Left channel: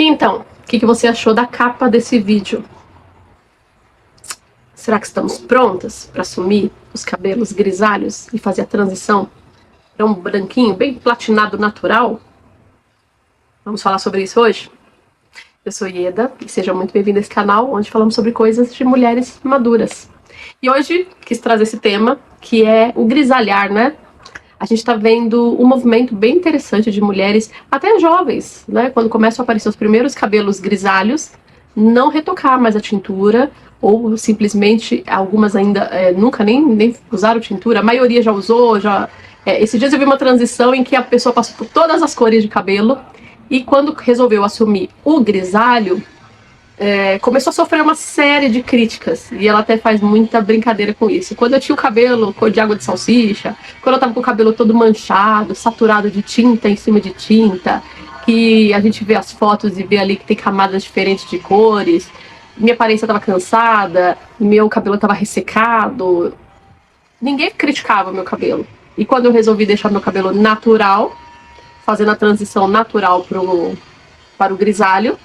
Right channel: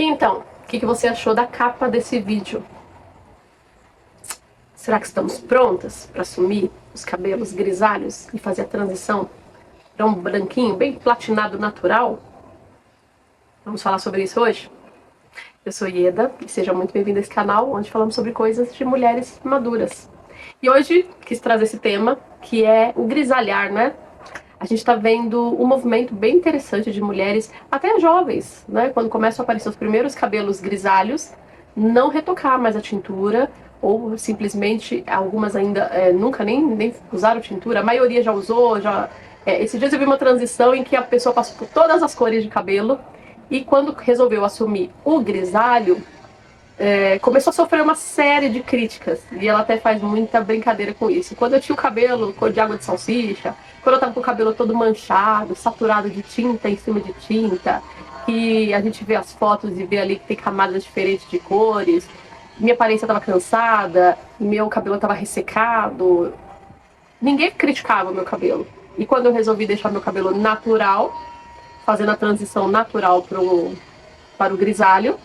E então, o que você achou da capa desse vídeo? Será que estamos prontas para assumir os cabelos grisalhos e fazer a transição para um branquinho bem platinado natural? Vamos falar sobre isso hoje? Eu sou Ieda e seja muito bem-vinda a esse canal onde falamos sobre coisas de mulheres maduras. E hoje quis trazer esse tema que é o grisalhar, né? A gente está vendo um movimento bem interessante de mulheres, até jovens, né? Quando começam a aparecer os primeiros cabelos grisalhos, não retocar mais a tintura, ou simplesmente, algumas ainda nunca nem usaram tintura, a maioria já usou, esses dias eu vi uma transição em que a pessoa passou por todas as cores de cabelo, e quando resolveu assumir o grisalho, começou a sofrer uma série de críticas, e ela até faz muita brincadeira com isso. Quando eu tinha o cabelo cor de água de salsicha, quando eu tava com o cabelo todo manchado, saturado de tinta em cima de tinta, que a gente vê as fotos e vê ali que tem camadas diferentes de cores, minha aparência tava cansada, meu cabelo tava ressecado, ninguém criticava meu cabelo. E quando eu resolvi deixar meu cabelo natural, fazendo a transição natural para o grisalho,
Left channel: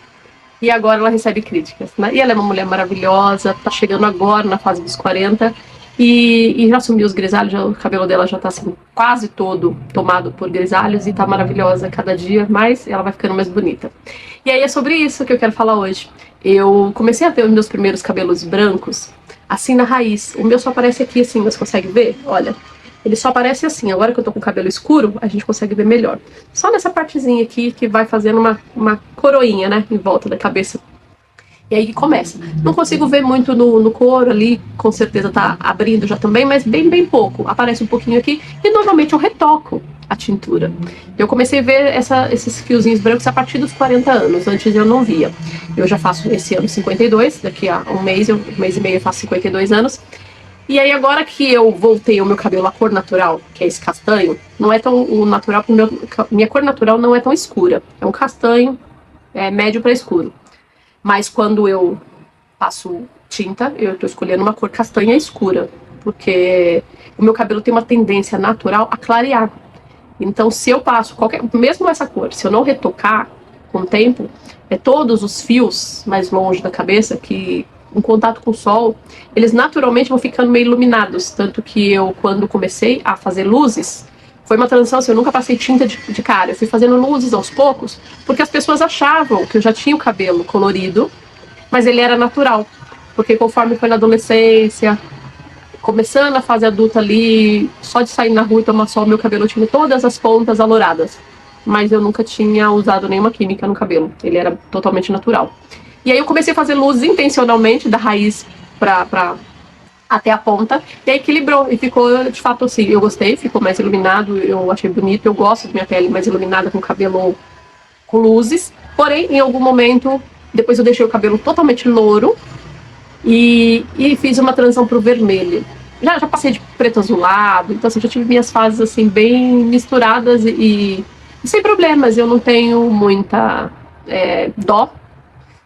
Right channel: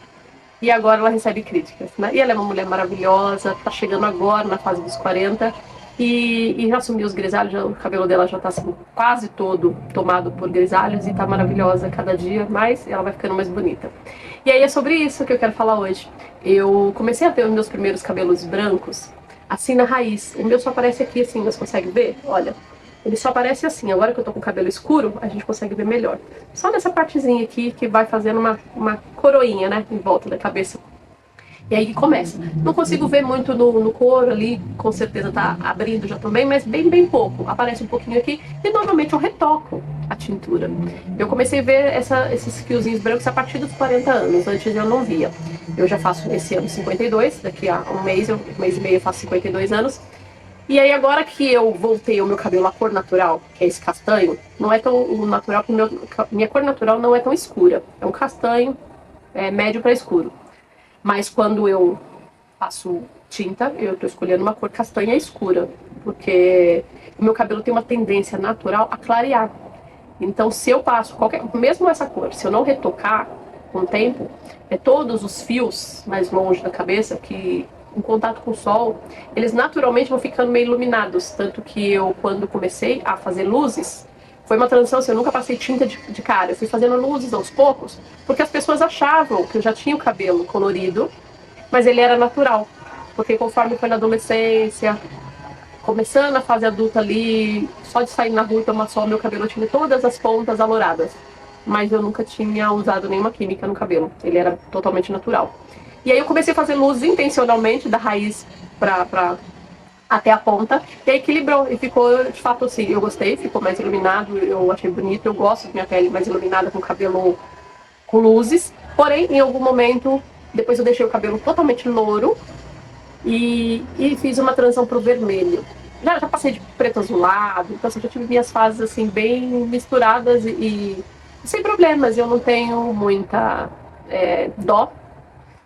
e agora ela recebe críticas, né? E ela é uma mulher maravilhosa, tá chegando agora na fase dos 40 e já assumiu os grisalhos, o cabelo dela já tá assim, quase todo tomado por grisalhos e tá maravilhosa cada dia mais, ela vai ficando mais bonita. E aí é sobre isso que eu quero falar hoje. Eu comecei a ter os meus primeiros cabelos brancos assim na raiz. O meu só aparece aqui assim, você consegue ver? Olha. Ele só aparece assim, agora que eu tô com o cabelo escuro, a gente consegue ver melhor. Só nessa partezinha aqui que vai fazendo uma coroinha, né, em volta da cabeça. E aí começa. Não consigo ver muito no couro ali, com certeza tá abrindo já também, mas bem pouco. Aparece um pouquinho aqui e normalmente eu retoco a tintura. Eu comecei a ver esses fiozinhos brancos a partir dos 40 anos, antes eu não via. Eu já faço esse ano 52, daqui a um mês e meio eu faço 52 anos. E aí agora que eu voltei o meu cabelo à cor natural, que é esse castanho, não é tão o natural, porque minha cor natural não é tão escura. É um castanho médio para escuro. Mas quando eu passo tinta, eu tô escolhendo uma cor castanha escura, porque o meu cabelo tem uma tendência natural a clarear. Então se eu passo mesmo essa cor, se eu não retocar com o tempo, todos os fios mais longe da cabeça que em contato com o sol, eles naturalmente vão ficando meio iluminados. Tanto que eu, quando comecei a fazer luzes, foi uma transição assim, eu nunca passei tinta de cara. Eu fui fazendo luzes aos poucos, porque as pessoas achavam que eu já tinha o cabelo colorido, mas ele era natural. Porque conforme foi na adolescência, começando a fase adulta ali, só de sair na rua e tomar sol, meu cabelo tinha todas as pontas alouradas. Mas eu nunca tinha usado nenhuma química no cabelo, ele era totalmente natural. E aí eu comecei a fazer luzes intencionalmente, da raiz até a ponta, e aí equilibrou, e ficou de fato assim, eu gostei, ficou mais iluminado, eu achei bonito, eu gosto da minha pele mais iluminada com cabelo com luzes, porém, em algum momento, depois eu deixei o cabelo totalmente louro, e fiz uma transição pro vermelho. Já passei de preto azulado, então assim, já tive minhas fases assim, bem misturadas e sem problemas, eu não tenho muita dó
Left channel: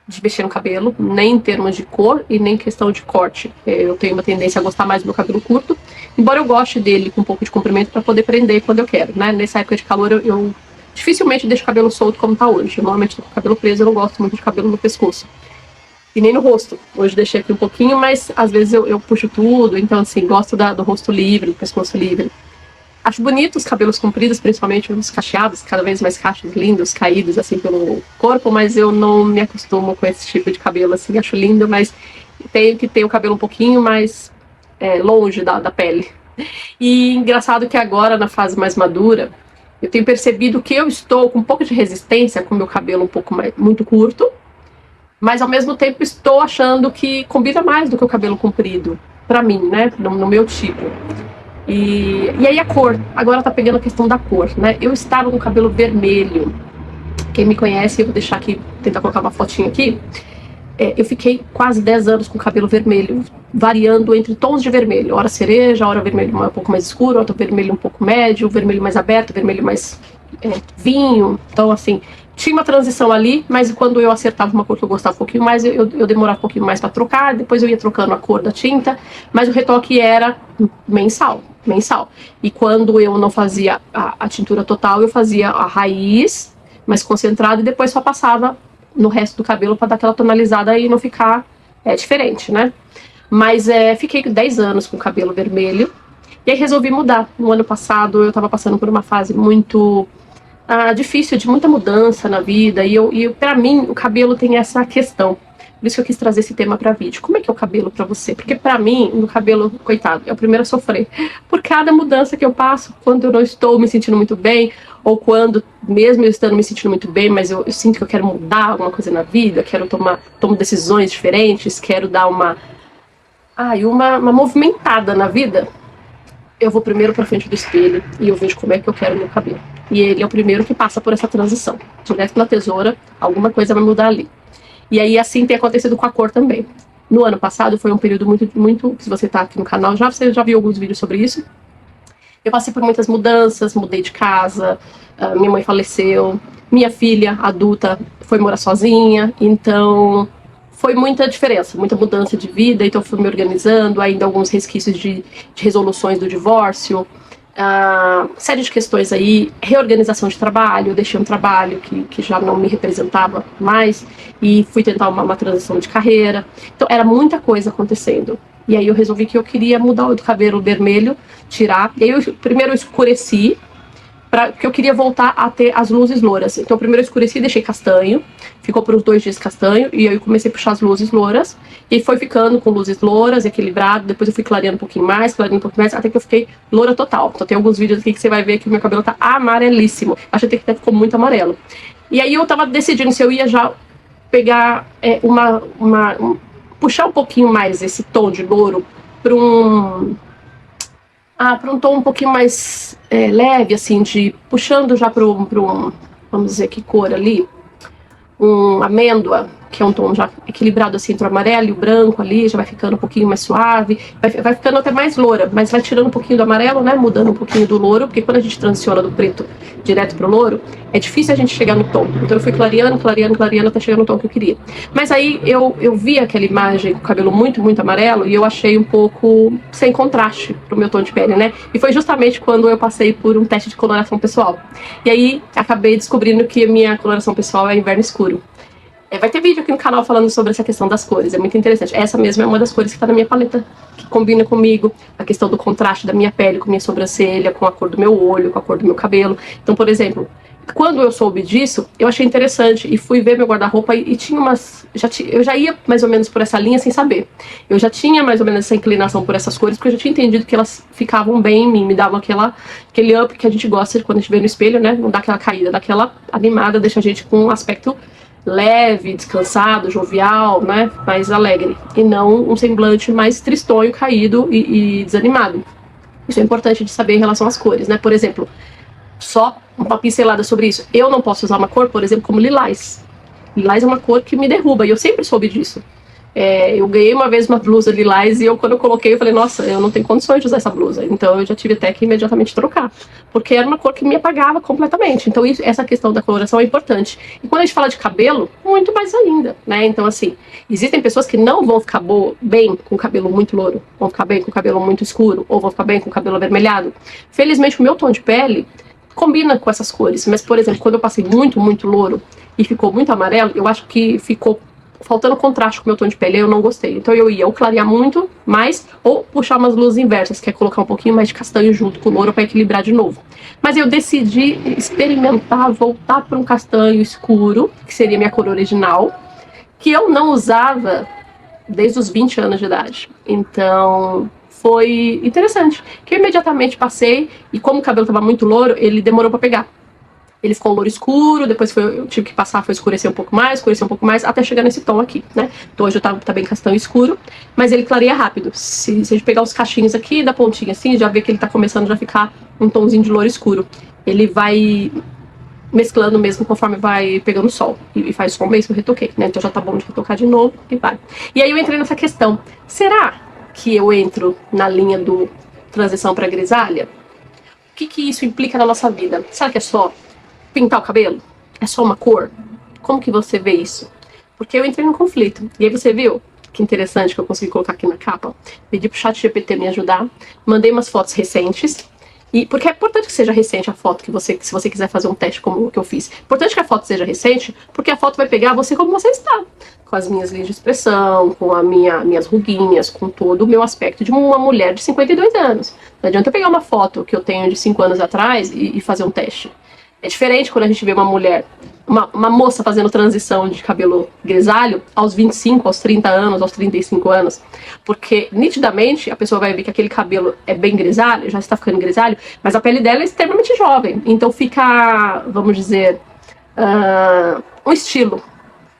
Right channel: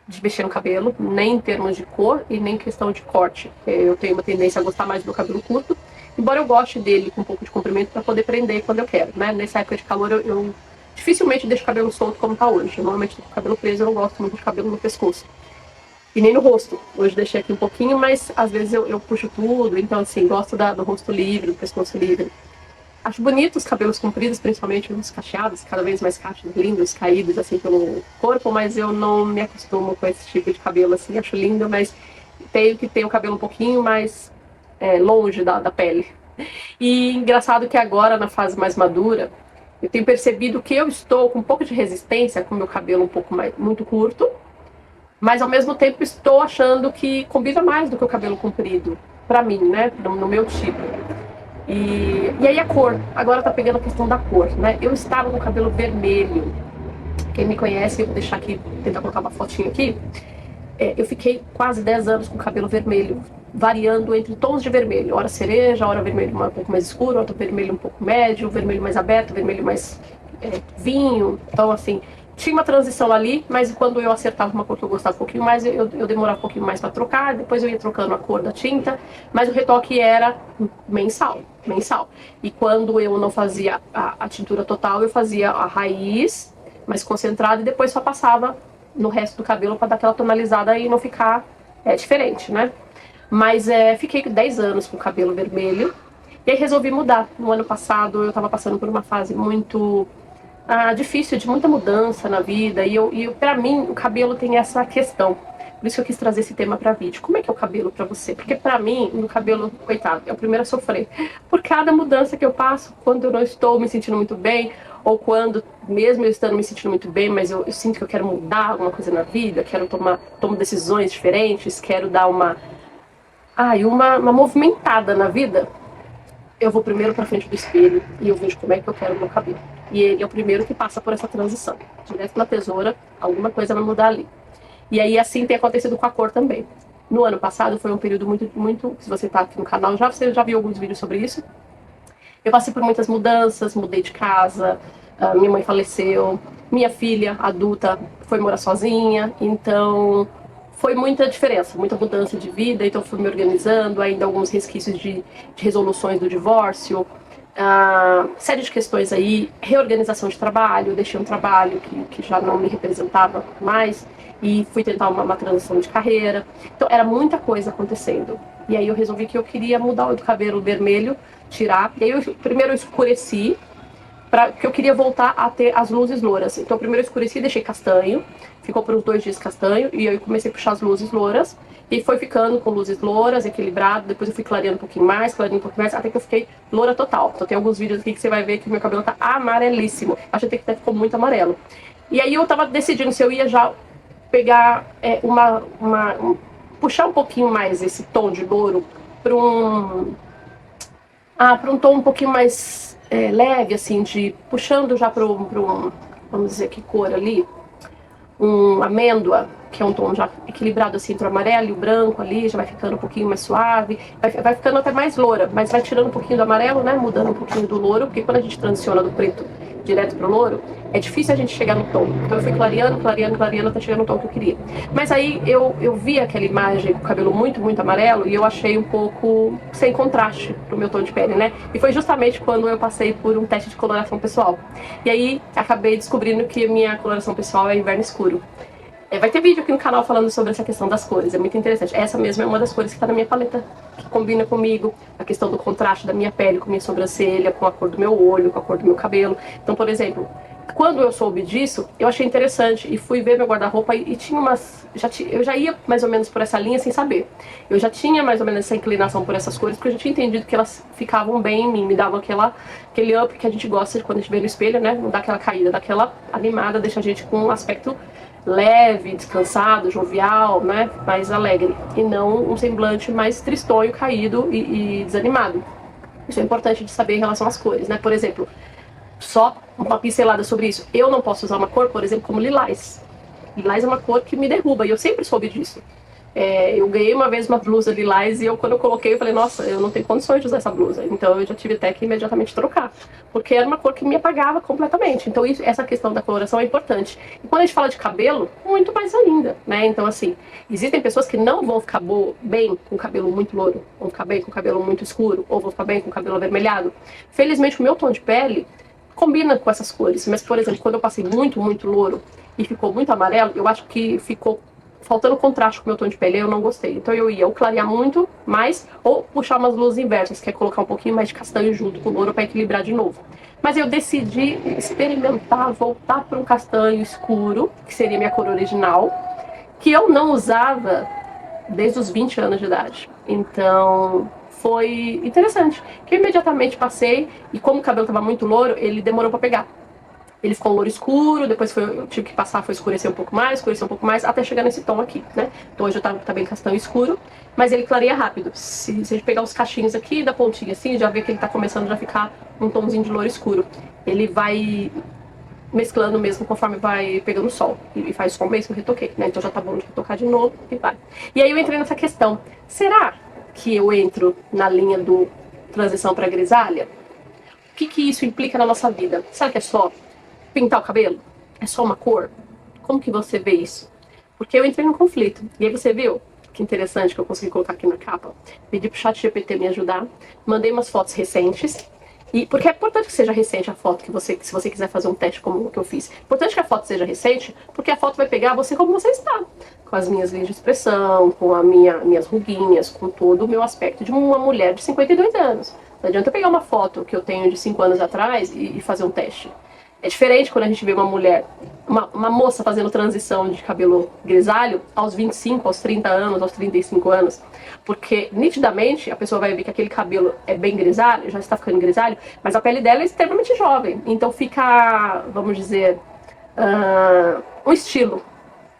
de mexer no cabelo, nem em termos de cor e nem questão de corte. Eu tenho uma tendência a gostar mais do meu cabelo curto, embora eu goste dele com um pouco de comprimento para poder prender quando eu quero, né? Nessa época de calor eu dificilmente deixo o cabelo solto como tá hoje. Eu normalmente tô com o cabelo preso, eu não gosto muito de cabelo no pescoço. E nem no rosto. Hoje deixei aqui um pouquinho, mas às vezes eu puxo tudo, então assim, gosto do rosto livre, do pescoço livre. Acho bonito os cabelos compridos, principalmente os cacheados, cada vez mais cachos lindos, caídos assim pelo corpo, mas eu não me acostumo com esse tipo de cabelo assim, acho lindo, mas tenho que ter o cabelo um pouquinho mais longe da pele. E engraçado que agora, na fase mais madura, eu tenho percebido que eu estou com um pouco de resistência com o meu cabelo um pouco muito curto, mas ao mesmo tempo estou achando que combina mais do que o cabelo comprido, pra mim, né, no meu tipo. E aí a cor, agora tá pegando a questão da cor, né? Eu estava com o cabelo vermelho. Quem me conhece, eu vou deixar aqui, tentar colocar uma fotinha aqui. Eu fiquei quase 10 anos com o cabelo vermelho, variando entre tons de vermelho. Hora cereja, hora vermelho um pouco mais escuro, hora vermelho um pouco médio, vermelho mais aberto, vermelho mais vinho. Então, assim, tinha uma transição ali, mas quando eu acertava uma cor que eu gostava um pouquinho mais, eu demorava um pouquinho mais para trocar, depois eu ia trocando a cor da tinta, mas o retoque era mensal. E quando eu não fazia a tintura total, eu fazia a raiz mais concentrada e depois só passava no resto do cabelo pra dar aquela tonalizada e não ficar diferente, né? Mas fiquei 10 anos com o cabelo vermelho. E aí resolvi mudar. No ano passado eu tava passando por uma fase muito difícil, de muita mudança na vida. E pra mim o cabelo tem essa questão. Por isso que eu quis trazer esse tema pra vídeo. Como é que é o cabelo pra você? Porque pra mim, o cabelo, coitado, é o primeiro a sofrer. Por cada mudança que eu passo, quando eu não estou me sentindo muito bem, ou quando, mesmo eu estando me sentindo muito bem, mas eu sinto que eu quero mudar alguma coisa na vida, quero tomo decisões diferentes, quero dar uma movimentada na vida, eu vou primeiro pra frente do espelho e eu vejo como é que eu quero o meu cabelo. E ele é o primeiro que passa por essa transição. Direto pela tesoura, alguma coisa vai mudar ali. E aí assim tem acontecido com a cor também. No ano passado foi um período muito, se você tá aqui no canal, você já viu alguns vídeos sobre isso. Eu passei por muitas mudanças, mudei de casa, minha mãe faleceu, minha filha adulta foi morar sozinha, então foi muita diferença, muita mudança de vida, então fui me organizando, ainda alguns resquícios de resoluções do divórcio, série de questões aí, reorganização de trabalho, eu deixei um trabalho que já não me representava mais e fui tentar uma transição de carreira, então era muita coisa acontecendo. E aí eu resolvi que eu queria mudar o cabelo vermelho, tirar, e aí primeiro eu escureci, porque eu queria voltar a ter as luzes louras. Então primeiro eu escureci e deixei castanho, ficou por uns 2 dias castanho, e aí eu comecei a puxar as luzes louras, e foi ficando com luzes louras, equilibrado, depois eu fui clareando um pouquinho mais, até que eu fiquei loura total. Então tem alguns vídeos aqui que você vai ver que o meu cabelo tá amarelíssimo, acho até que ficou muito amarelo. E aí eu tava decidindo se eu ia já pegar puxar um pouquinho mais esse tom de louro para um tom um pouquinho mais leve, assim, puxando já para um, vamos dizer, que cor ali, amêndoa, que é um tom já equilibrado assim entre o amarelo e o branco ali, já vai ficando um pouquinho mais suave, vai ficando até mais loura, mas vai tirando um pouquinho do amarelo, né, mudando um pouquinho do louro, porque quando a gente transiciona do preto direto pro louro, é difícil a gente chegar no tom. Então eu fui clareando até chegar no tom que eu queria. Mas aí eu vi aquela imagem com o cabelo muito amarelo e eu achei um pouco sem contraste pro meu tom de pele, né? E foi justamente quando eu passei por um teste de coloração pessoal. E aí acabei descobrindo que a minha coloração pessoal é inverno escuro. Vai ter vídeo aqui no canal falando sobre essa questão das cores, é muito interessante. Essa mesma é uma das cores que tá na minha paleta, que combina comigo, a questão do contraste da minha pele com minha sobrancelha, com a cor do meu olho, com a cor do meu cabelo. Então, por exemplo, quando eu soube disso, eu achei interessante e fui ver meu guarda-roupa e tinha eu já ia mais ou menos por essa linha sem saber. Eu já tinha mais ou menos essa inclinação por essas cores, porque eu já tinha entendido que elas ficavam bem em mim, me davam aquele up que a gente gosta quando a gente vê no espelho, né? Não dá aquela caída, dá aquela animada, deixa a gente com um aspecto leve, descansado, jovial, né, mais alegre, e não um semblante mais tristonho, caído e desanimado. Isso é importante de saber em relação às cores, né? Por exemplo, só uma pincelada sobre isso. Eu não posso usar uma cor, por exemplo, como lilás. Lilás é uma cor que me derruba, e eu sempre soube disso. Eu ganhei uma vez uma blusa lilás e quando eu coloquei, eu falei, nossa, eu não tenho condições de usar essa blusa. Então eu já tive até que imediatamente trocar, porque era uma cor que me apagava completamente. Então essa questão da coloração é importante. E quando a gente fala de cabelo, muito mais ainda, né? Então assim, existem pessoas que não vão ficar bem com o cabelo muito louro, vão ficar bem com o cabelo muito escuro, ou vão ficar bem com o cabelo avermelhado. Felizmente o meu tom de pele combina com essas cores, mas por exemplo, quando eu passei muito louro e ficou muito amarelo, eu acho que ficou faltando contraste com o meu tom de pele, eu não gostei. Então eu ia ou clarear muito mais, ou puxar umas luzes inversas, que é colocar um pouquinho mais de castanho junto com o louro para equilibrar de novo. Mas eu decidi experimentar, voltar para um castanho escuro, que seria minha cor original, que eu não usava desde os 20 anos de idade. Então foi interessante, que eu imediatamente passei, e como o cabelo estava muito louro, ele demorou para pegar. Ele ficou um louro escuro, depois eu tive que passar, foi escurecer um pouco mais, até chegar nesse tom aqui, né? Então hoje tá bem castanho escuro, mas ele clareia rápido. Se a gente pegar os cachinhos aqui da pontinha assim, já vê que ele tá começando a ficar um tomzinho de louro escuro. Ele vai mesclando mesmo conforme vai pegando sol. E faz sol mesmo, eu retoquei, né? Então já tá bom de retocar de novo e vai. E aí eu entrei nessa questão, será que eu entro na linha do transição pra grisalha? O que isso implica na nossa vida? Será que é só pintar o cabelo? É só uma cor? Como que você vê isso? Porque eu entrei num conflito. E aí você viu? Que interessante que eu consegui colocar aqui na capa. Pedi pro ChatGPT me ajudar. Mandei umas fotos recentes. E porque é importante que seja recente a foto que você, se você quiser fazer um teste como o que eu fiz. Importante que a foto seja recente, porque a foto vai pegar você como você está. Com as minhas linhas de expressão, com minhas ruguinhas, com todo o meu aspecto de uma mulher de 52 anos. Não adianta eu pegar uma foto que eu tenho de 5 anos atrás e fazer um teste. É diferente quando a gente vê uma mulher, uma moça fazendo transição de cabelo grisalho aos 25, aos 30 anos, aos 35 anos. Porque, nitidamente, a pessoa vai ver que aquele cabelo é bem grisalho, já está ficando grisalho, mas a pele dela é extremamente jovem. Então fica, vamos dizer, um estilo.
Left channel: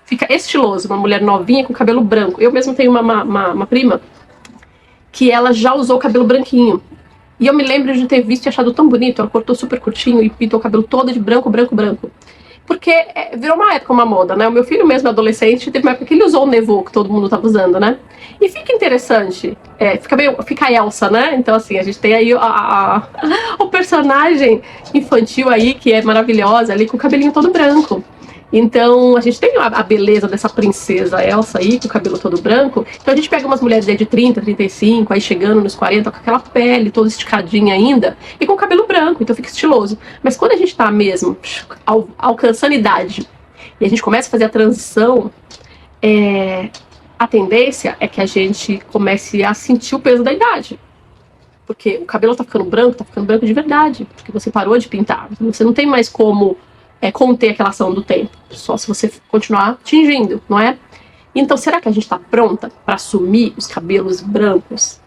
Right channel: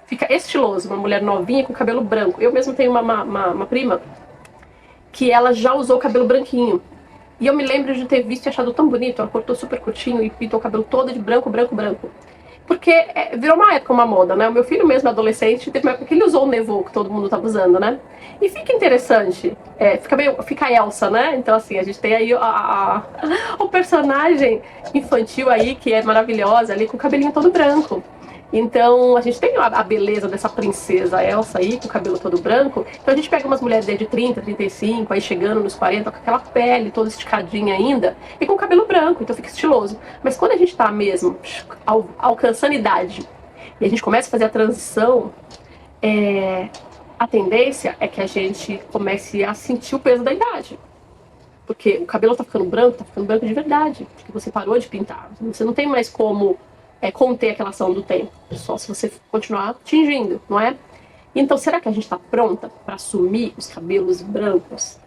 Fica estiloso, uma mulher novinha com cabelo branco. Eu mesmo tenho uma prima que ela já usou o cabelo branquinho. E eu me lembro de ter visto e achado tão bonito. Ela cortou super curtinho e pintou o cabelo todo de branco, branco, branco. Porque virou uma época, uma moda, né? O meu filho mesmo, adolescente, teve uma época que ele usou o Nevô, que todo mundo tava usando, né? E fica interessante. Fica a Elsa, né? Então, assim, a gente tem aí o personagem infantil aí, que é maravilhosa, ali com o cabelinho todo branco. Então, a gente tem a beleza dessa princesa Elsa aí, com o cabelo todo branco. Então, a gente pega umas mulheres de 30, 35, aí chegando nos 40, com aquela pele toda esticadinha ainda, e com o cabelo branco, então fica estiloso. Mas quando a gente tá mesmo alcançando idade, e a gente começa a fazer a transição, a tendência é que a gente comece a sentir o peso da idade. Porque o cabelo tá ficando branco de verdade, porque você parou de pintar. Você não tem mais como conter aquela ação do tempo, só se você continuar tingindo, não é? Então, será que a gente está pronta para assumir os cabelos brancos?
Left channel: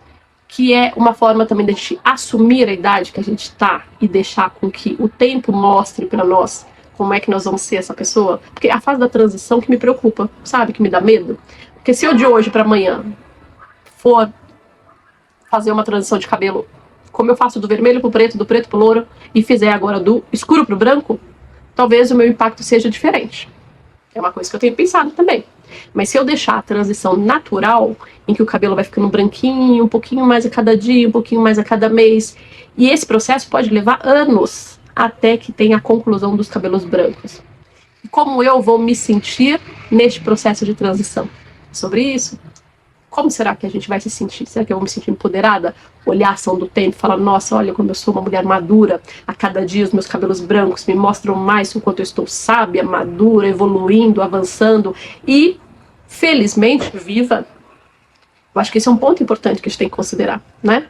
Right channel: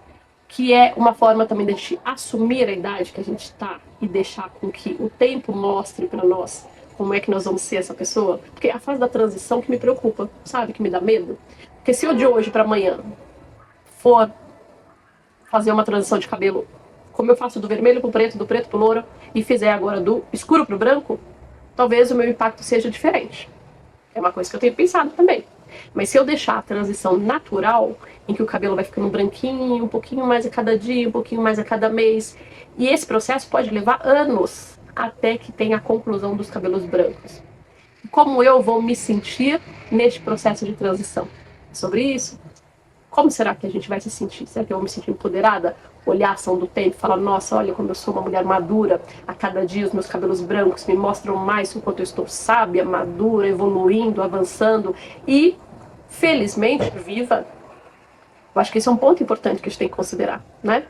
Que é uma forma também de a gente assumir a idade que a gente está e deixar com que o tempo mostre para nós como é que nós vamos ser essa pessoa? Porque é a fase da transição que me preocupa, sabe? Que me dá medo. Porque se eu de hoje para amanhã for fazer uma transição de cabelo, como eu faço do vermelho pro preto, do preto pro louro, e fizer agora do escuro pro branco, talvez o meu impacto seja diferente. É uma coisa que eu tenho pensado também. Mas se eu deixar a transição natural, em que o cabelo vai ficando branquinho, um pouquinho mais a cada dia, um pouquinho mais a cada mês, e esse processo pode levar anos até que tenha a conclusão dos cabelos brancos. E como eu vou me sentir neste processo de transição? Sobre isso? Como será que a gente vai se sentir? Será que eu vou me sentir empoderada? Olhar a ação do tempo e falar, nossa, olha como eu sou uma mulher madura. A cada dia os meus cabelos brancos me mostram mais o quanto eu estou sábia, madura, evoluindo, avançando e, felizmente, viva. Eu acho que esse é um ponto importante que a gente tem que considerar, né?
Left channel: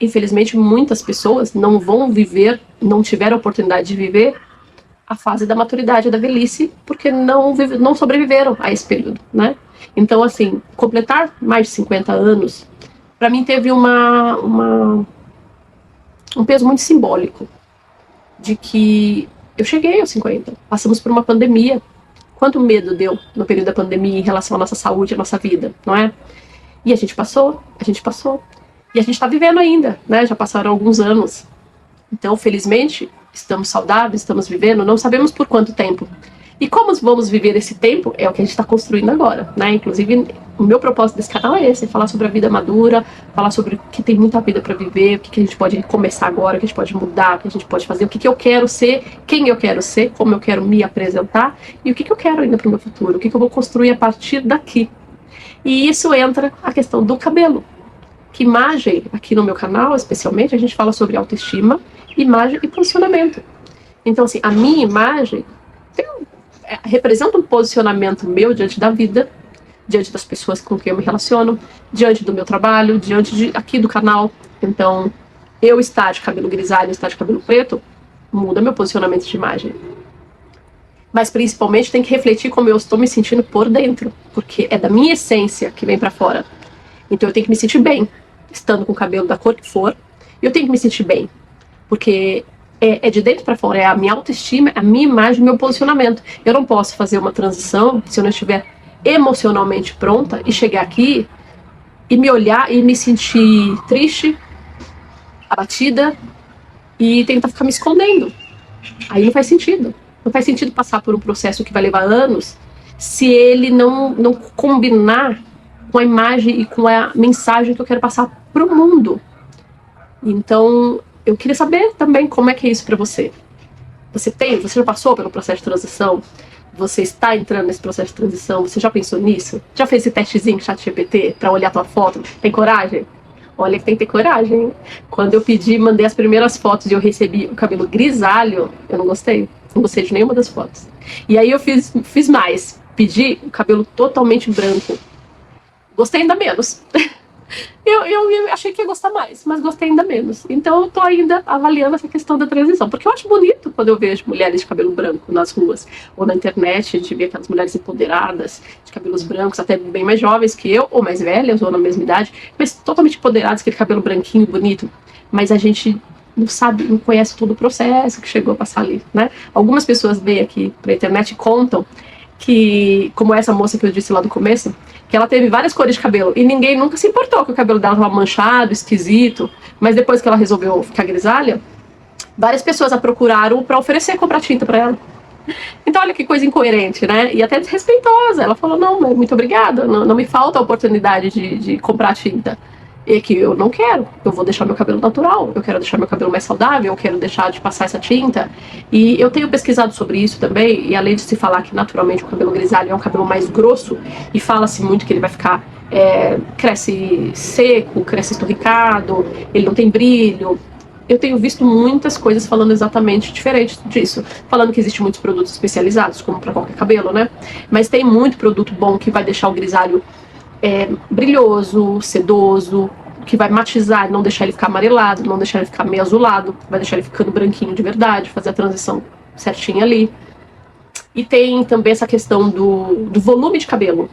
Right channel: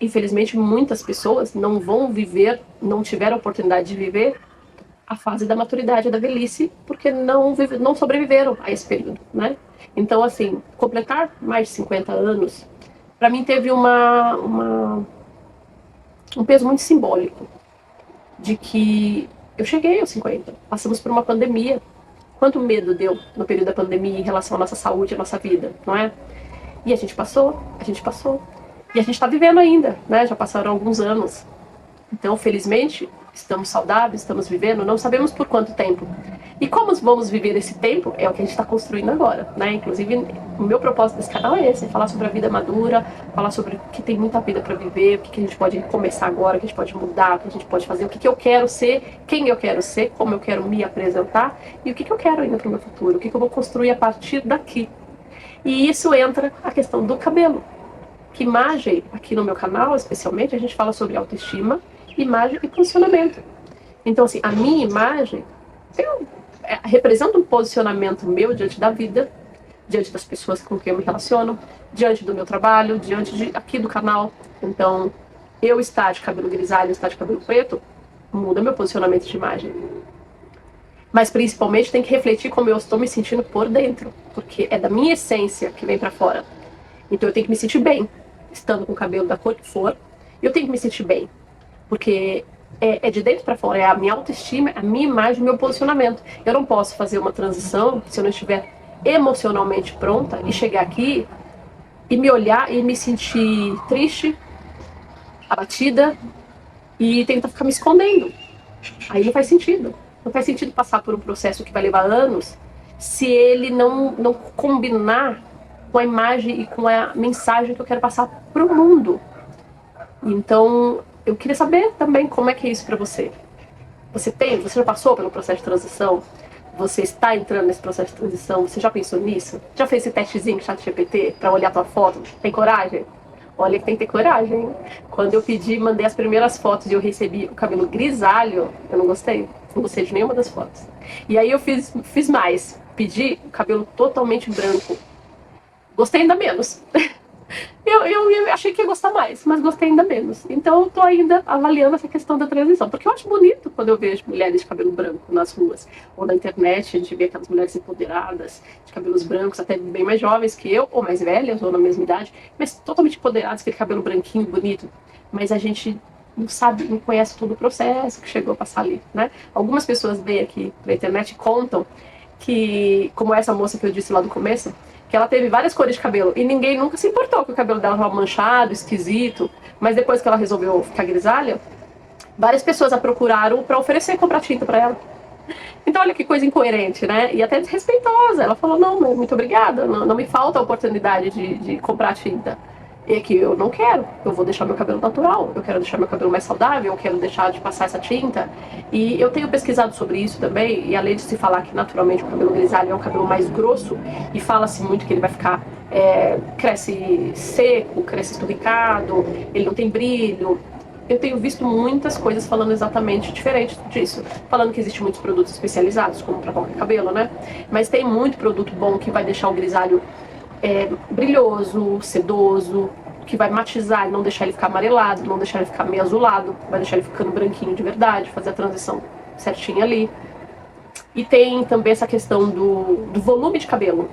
Infelizmente, muitas pessoas não vão viver, não tiveram a oportunidade de viver a fase da maturidade, da velhice, porque não sobreviveram a esse período, né? Então, assim, completar mais de 50 anos, para mim teve um peso muito simbólico, de que eu cheguei aos 50, passamos por uma pandemia. Quanto medo deu no período da pandemia em relação à nossa saúde, à nossa vida, não é? E a gente passou, e a gente está vivendo ainda, né? Já passaram alguns anos. Então, felizmente, estamos saudáveis, estamos vivendo, não sabemos por quanto tempo. E como vamos viver esse tempo é o que a gente está construindo agora, né? Inclusive, o meu propósito desse canal é esse, é falar sobre a vida madura, falar sobre que tem muita vida para viver, o que a gente pode começar agora, o que a gente pode mudar, o que a gente pode fazer, o que eu quero ser, quem eu quero ser, como eu quero me apresentar e o que eu quero ainda para o meu futuro, o que eu vou construir a partir daqui. E isso entra a questão do cabelo. Que imagem, aqui no meu canal, especialmente, a gente fala sobre autoestima, imagem e posicionamento. Então, assim, a minha imagem representa um posicionamento meu diante da vida, diante das pessoas com quem eu me relaciono, diante do meu trabalho, diante aqui do canal. Então, eu estar de cabelo grisalho, estar de cabelo preto, muda meu posicionamento de imagem. Mas, principalmente, tem que refletir como eu estou me sentindo por dentro, porque é da minha essência que vem pra fora. Então, eu tenho que me sentir bem, estando com o cabelo da cor que for, e eu tenho que me sentir bem, porque é de dentro para fora, é a minha autoestima, a minha imagem, o meu posicionamento. Eu não posso fazer uma transição se eu não estiver emocionalmente pronta e chegar aqui e me olhar e me sentir triste, abatida e tentar ficar me escondendo. Aí não faz sentido. Não faz sentido passar por um processo que vai levar anos se ele não combinar com a imagem e com a mensagem que eu quero passar pro mundo. Então, eu queria saber também como é que é isso pra você. Você já passou pelo processo de transição? Você está entrando nesse processo de transição? Você já pensou nisso? Já fez esse testezinho com o ChatGPT pra olhar tua foto? Tem coragem? Olha que tem que ter coragem, hein? Quando eu pedi, mandei as primeiras fotos e eu recebi o cabelo grisalho, eu não gostei. Não gostei de nenhuma das fotos. E aí eu fiz mais. Pedi o cabelo totalmente branco. Gostei ainda menos. Eu achei que ia gostar mais, mas gostei ainda menos. Então eu tô ainda avaliando essa questão da transição. Porque eu acho bonito quando eu vejo mulheres de cabelo branco nas ruas. Ou na internet, a gente vê aquelas mulheres empoderadas, de cabelos brancos, até bem mais jovens que eu, ou mais velhas, ou na mesma idade, mas totalmente empoderadas, aquele cabelo branquinho, bonito. Mas a gente não sabe, não conhece todo o processo que chegou a passar ali, né? Algumas pessoas vêm aqui pra internet e contam que, como essa moça que eu disse lá do começo, que ela teve várias cores de cabelo e ninguém nunca se importou que o cabelo dela estava manchado, esquisito, mas depois que ela resolveu ficar grisalha, várias pessoas a procuraram para oferecer comprar tinta para ela. Então olha que coisa incoerente, né? E até desrespeitosa. Ela falou, não, muito obrigada, não me falta a oportunidade de comprar tinta. E que eu não quero, eu vou deixar meu cabelo natural, eu quero deixar meu cabelo mais saudável, eu quero deixar de passar essa tinta. E eu tenho pesquisado sobre isso também, e além de se falar que naturalmente o cabelo grisalho é um cabelo mais grosso, e fala-se muito que ele vai ficar, cresce seco, cresce esturricado, ele não tem brilho. Eu tenho visto muitas coisas falando exatamente diferente disso. Falando que existem muitos produtos especializados, como para qualquer cabelo, né? Mas tem muito produto bom que vai deixar o grisalho brilhoso, sedoso, que vai matizar, não deixar ele ficar amarelado, não deixar ele ficar meio azulado, vai deixar ele ficando branquinho de verdade, fazer a transição certinha ali. E tem também essa questão do volume de cabelo.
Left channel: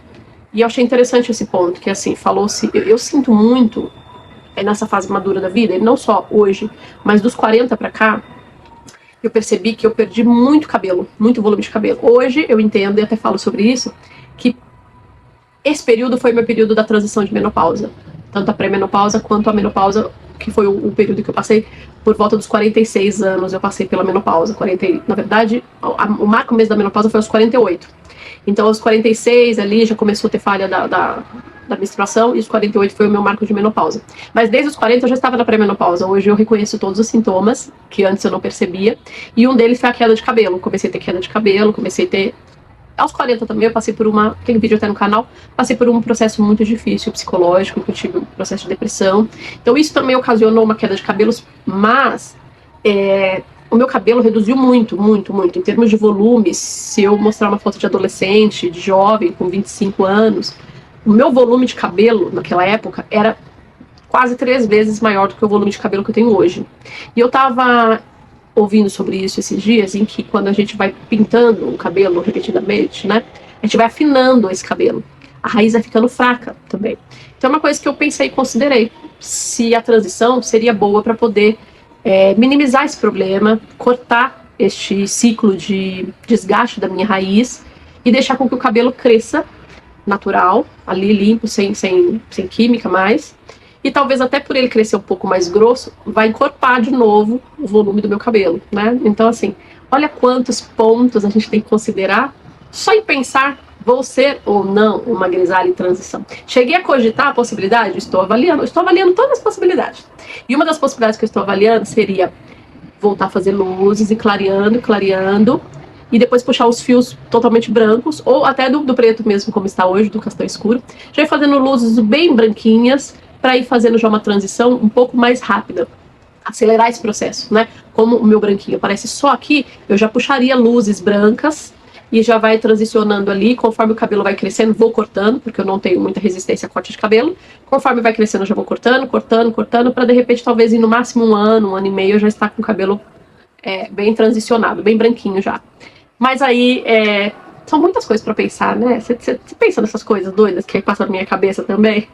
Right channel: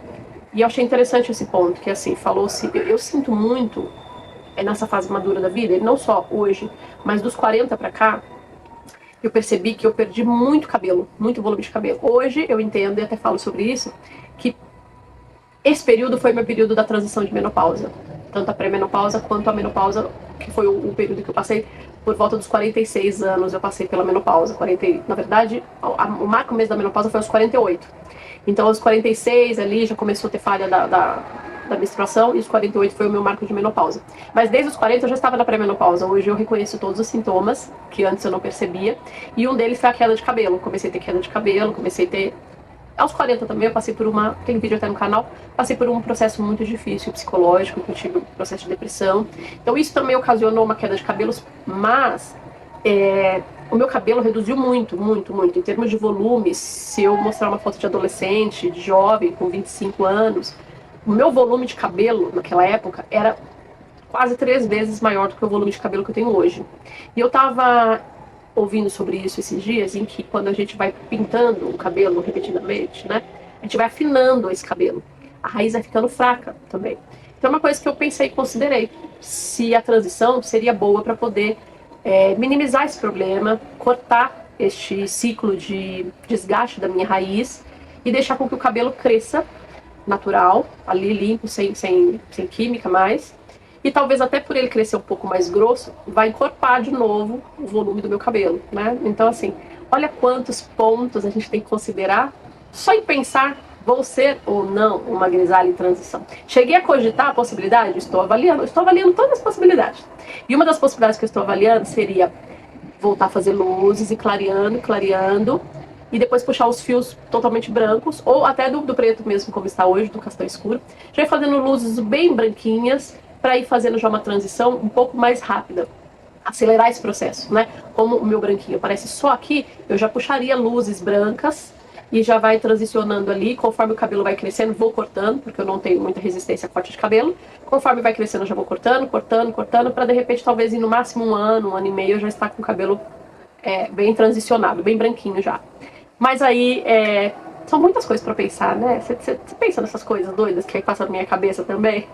E eu achei interessante esse ponto, que assim, falou-se, eu sinto muito nessa fase madura da vida, e não só hoje, mas dos 40 pra cá, eu percebi que eu perdi muito cabelo, muito volume de cabelo. Hoje eu entendo, e até falo sobre isso, que esse período foi meu período da transição de menopausa. Tanto a pré-menopausa quanto a menopausa, que foi o período que eu passei por volta dos 46 anos, eu passei pela menopausa. Na verdade, o marco mês da menopausa foi aos 48. Então, aos 46 ali já começou a ter falha da menstruação, e os 48 foi o meu marco de menopausa. Mas desde os 40 eu já estava na pré-menopausa. Hoje eu reconheço todos os sintomas, que antes eu não percebia, e um deles foi a queda de cabelo. Comecei a ter queda de cabelo, comecei a ter... Aos 40 também eu passei por tem vídeo até no canal, passei por um processo muito difícil, psicológico, que eu tive um processo de depressão. Então isso também ocasionou uma queda de cabelos, mas o meu cabelo reduziu muito, muito, muito. Em termos de volume, se eu mostrar uma foto de adolescente, de jovem, com 25 anos, o meu volume de cabelo naquela época era quase 3 vezes maior do que o volume de cabelo que eu tenho hoje. E eu tava ouvindo sobre isso esses dias, em que quando a gente vai pintando o cabelo repetidamente, né, a gente vai afinando esse cabelo. A raiz vai ficando fraca também. Então é uma coisa que eu pensei e considerei. Se a transição seria boa para poder minimizar esse problema, cortar este ciclo de desgaste da minha raiz e deixar com que o cabelo cresça natural, ali limpo, sem química mais. E talvez até por ele crescer um pouco mais grosso, vai encorpar de novo o volume do meu cabelo, né? Então, assim, olha quantos pontos a gente tem que considerar só em pensar, vou ser ou não uma grisalha em transição. Cheguei a cogitar a possibilidade? Estou avaliando todas as possibilidades. E uma das possibilidades que eu estou avaliando seria voltar a fazer luzes e clareando, e depois puxar os fios totalmente brancos, ou até do preto mesmo, como está hoje, do castanho escuro. Já ir fazendo luzes bem branquinhas, para ir fazendo já uma transição um pouco mais rápida, acelerar esse processo, né? Como o meu branquinho aparece só aqui, eu já puxaria luzes brancas e já vai transicionando ali, conforme o cabelo vai crescendo, vou cortando, porque eu não tenho muita resistência a corte de cabelo, conforme vai crescendo eu já vou cortando, para de repente talvez no máximo um ano e meio eu já estar com o cabelo bem transicionado, bem branquinho já. Mas aí são muitas coisas pra pensar, né? Você pensa nessas coisas doidas que aí passam na minha cabeça também?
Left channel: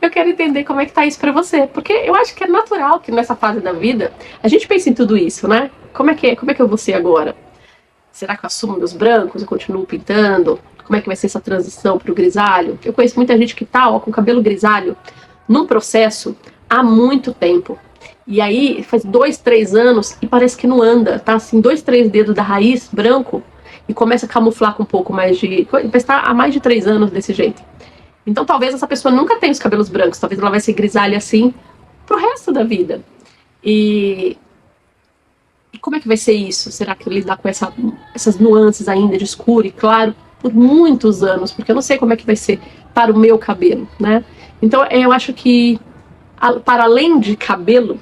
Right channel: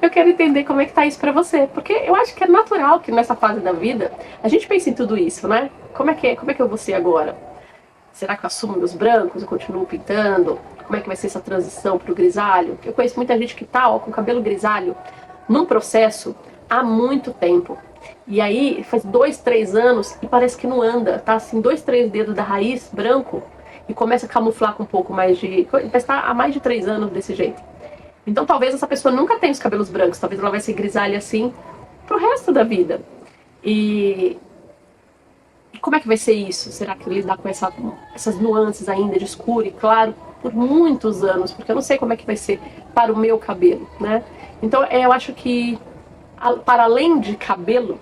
Eu quero entender como é que tá isso pra você. Porque eu acho que é natural que nessa fase da vida a gente pense em tudo isso, né? Como é que eu vou ser agora? Será que eu assumo meus brancos? Eu continuo pintando? Como é que vai ser essa transição pro grisalho? Eu conheço muita gente que tá com cabelo grisalho num processo há muito tempo. E aí faz 2, 3 anos e parece que não anda, tá assim, 2, 3 dedos da raiz branco, e começa a camuflar com um pouco mais de... Vai estar há mais de 3 anos desse jeito. Então talvez essa pessoa nunca tenha os cabelos brancos, talvez ela vai ser grisalha assim pro resto da vida. E como é que vai ser isso? Será que lidar com essas nuances ainda de escuro e claro por muitos anos? Porque eu não sei como é que vai ser para o meu cabelo, né? Então eu acho que Para além de cabelo,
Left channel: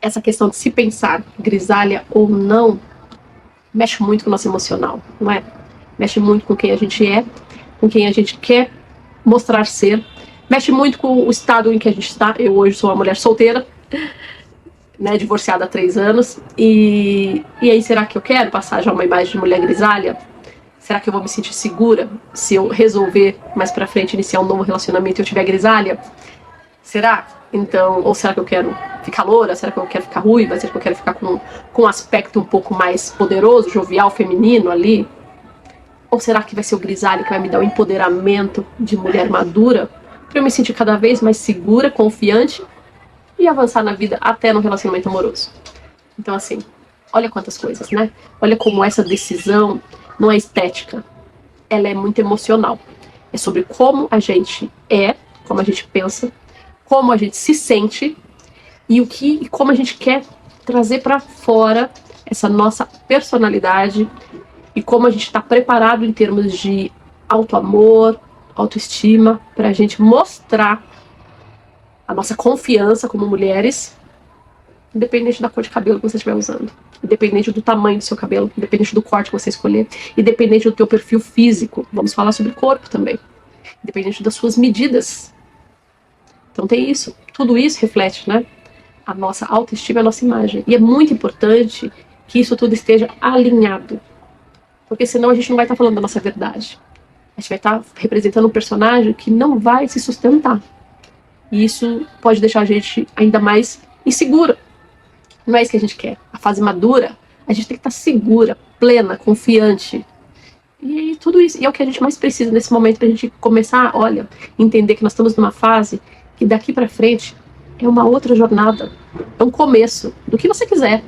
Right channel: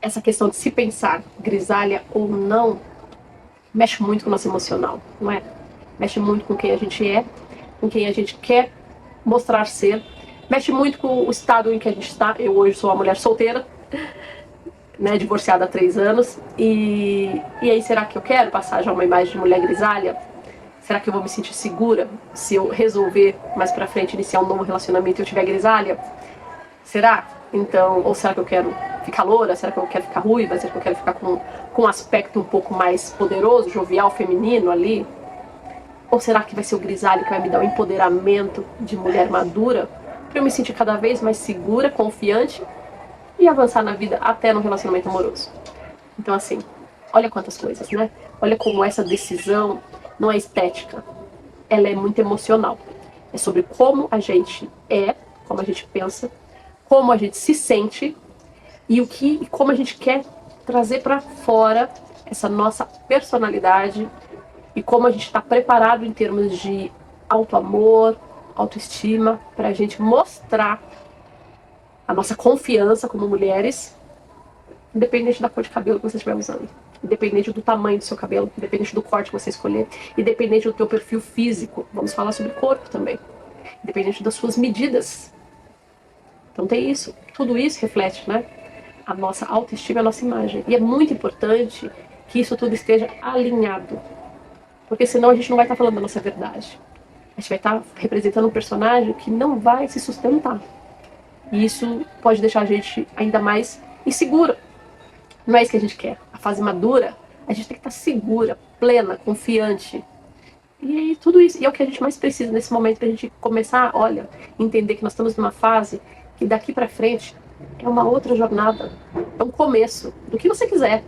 essa questão de se pensar grisalha ou não, mexe muito com o nosso emocional, não é? Mexe muito com quem a gente é, com quem a gente quer mostrar ser, mexe muito com o estado em que a gente está. Eu hoje sou uma mulher solteira, né, divorciada há 3 anos, e aí será que eu quero passar já uma imagem de mulher grisalha? Será que eu vou me sentir segura se eu resolver mais pra frente iniciar um novo relacionamento e eu tiver grisalha? Será? Então, ou será que eu quero ficar loura? Será que eu quero ficar ruiva? Será que eu quero ficar com um aspecto um pouco mais poderoso, jovial, feminino ali? Ou será que vai ser o grisalho que vai me dar o empoderamento de mulher madura para eu me sentir cada vez mais segura, confiante e avançar na vida até no relacionamento amoroso? Então, assim, olha quantas coisas, né? Olha como essa decisão não é estética, ela é muito emocional. É sobre como a gente é, como a gente pensa, como a gente se sente e como a gente quer trazer para fora essa nossa personalidade e como a gente está preparado em termos de autoamor, autoestima, para a gente mostrar a nossa confiança como mulheres, independente da cor de cabelo que você estiver usando, independente do tamanho do seu cabelo, independente do corte que você escolher, independente do teu perfil físico. Vamos falar sobre corpo também, independente das suas medidas. Então tem isso, tudo isso reflete, né, a nossa autoestima e a nossa imagem. E é muito importante que isso tudo esteja alinhado, porque senão a gente não vai estar falando da nossa verdade. A gente vai estar representando um personagem que não vai se sustentar. E isso pode deixar a gente ainda mais insegura. Não é isso que a gente quer. A fase madura, a gente tem que estar segura, plena, confiante. E aí, tudo isso. E é o que a gente mais precisa nesse momento pra gente começar, olha, entender que nós estamos numa fase que daqui pra frente é uma outra jornada. É um começo do que você quiser.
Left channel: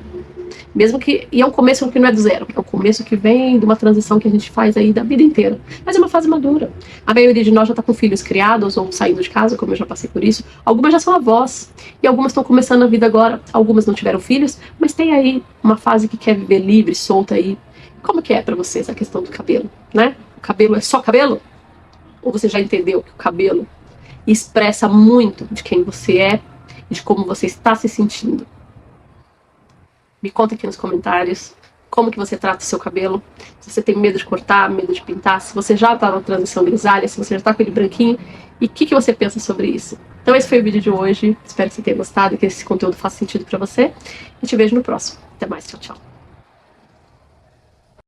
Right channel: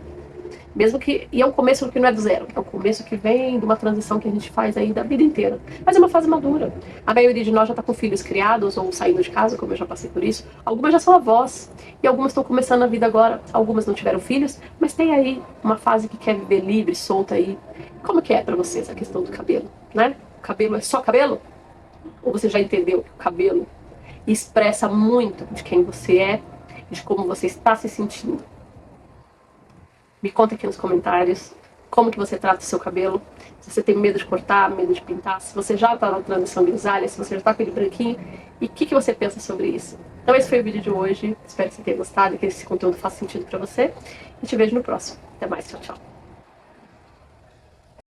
Mesmo que. E é um começo que não é do zero. É um começo que vem de uma transição que a gente faz aí da vida inteira. Mas é uma fase madura. A maioria de nós já tá com filhos criados ou saindo de casa, como eu já passei por isso. Algumas já são avós. E algumas estão começando a vida agora. Algumas não tiveram filhos. Mas tem aí uma fase que quer viver livre, solta aí. Como que é pra você essa questão do cabelo, né? O cabelo é só cabelo? Ou você já entendeu que o cabelo expressa muito de quem você é e de como você está se sentindo? Me conta aqui nos comentários como que você trata o seu cabelo. Se você tem medo de cortar, medo de pintar, se você já está na transição grisalha, se você já está com ele branquinho, e o que você pensa sobre isso? Então esse foi o vídeo de hoje. Espero que você tenha gostado e que esse conteúdo faça sentido para você. E te vejo no próximo. Até mais. Tchau, tchau.